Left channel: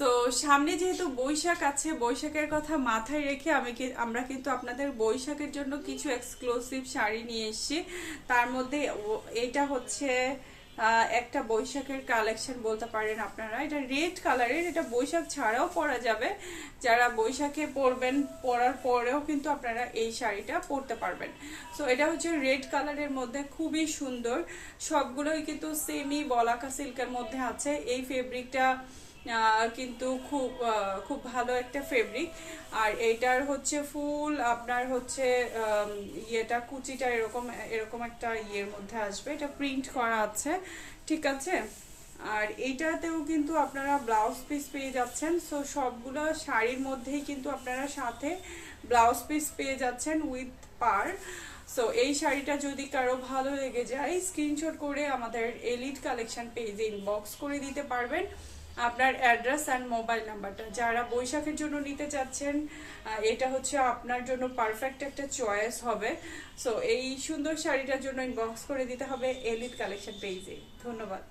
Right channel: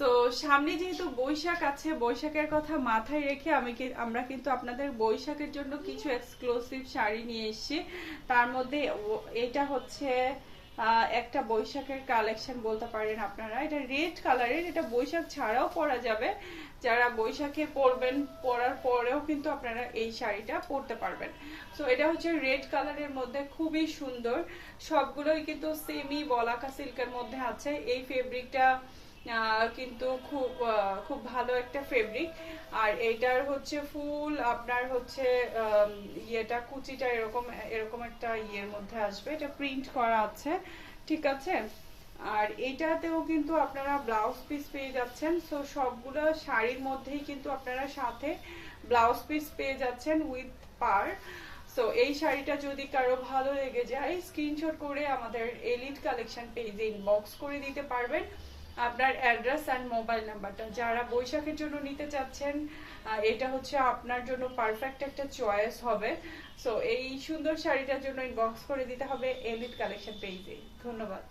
তো সামনে যেহেতু বৈশাখ আছে, বৈশাখের কথা মাথায় রেখে আমরা কিন্তু আপনাদের বৈশাখের জন্য কিছু এক্সক্লুসিভ শাড়ি নিয়ে এসেছি। তার মধ্যে এটা হচ্ছে একটা বৈশাখের কালেকশন বলতে পারেন আপনারা। এটা রেড কালারের, এটা বৈশাখ ছাড়াও পরা যাবে। যারা বৈশাখে পরবেন, পরার পরেও কিন্তু আপনারা এই শাড়িটা পরতে পারবেন। সো এটা হচ্ছে রেড কালারের মধ্যে, খুবই সুন্দর। সবগুলোই কিন্তু সেমি বলাকা সিল্কের মধ্যে আছে। এই ফেব্রিকটা কিন্তু খুব ভালো একটা ফেব্রিক। আর এইটার হচ্ছে ফুল আপনার হচ্ছে ইয়েটা, কুচিটা এরকম এরকম একটা ইয়ের মধ্যে আসবে, এটা প্রিন্ট করা আছে, ঠিক আছে। আর এইটাতেও কিন্তু আপনারা ব্লাউজ পিস পেয়ে যাচ্ছেন। সো সবগুলো শাড়ির মধ্যেই কিন্তু আপনারা সাথে ব্লাউজ পিস পেয়ে যাচ্ছেন উইথ পার। সো এই শাড়িটা যদি কারো ভালো লেগে যায়, স্ক্রিনশট করে আমাদের এলিট কালেকশন পেজে ইনবক্স করে দিতে পারবেন আপনার অ্যাড্রেস অ্যান্ড মোবাইল নাম্বারটা। যারা বৈশাখের জন্য নিতে চাচ্ছেন, এটা হচ্ছে আপনার জন্য পারফেক্ট একটা চয়েস হবে। সো এই সুন্দর শাড়িটার জন্য ইনবক্স করে দিতে হবে এলিট কালেকশন পেজে। ধন্যবাদ।